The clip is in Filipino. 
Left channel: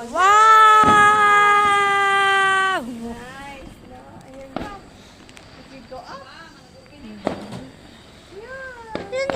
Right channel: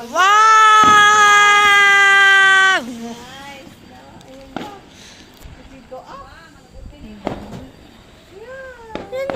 Wow! Nice. No, ayan na. Dito up. Yan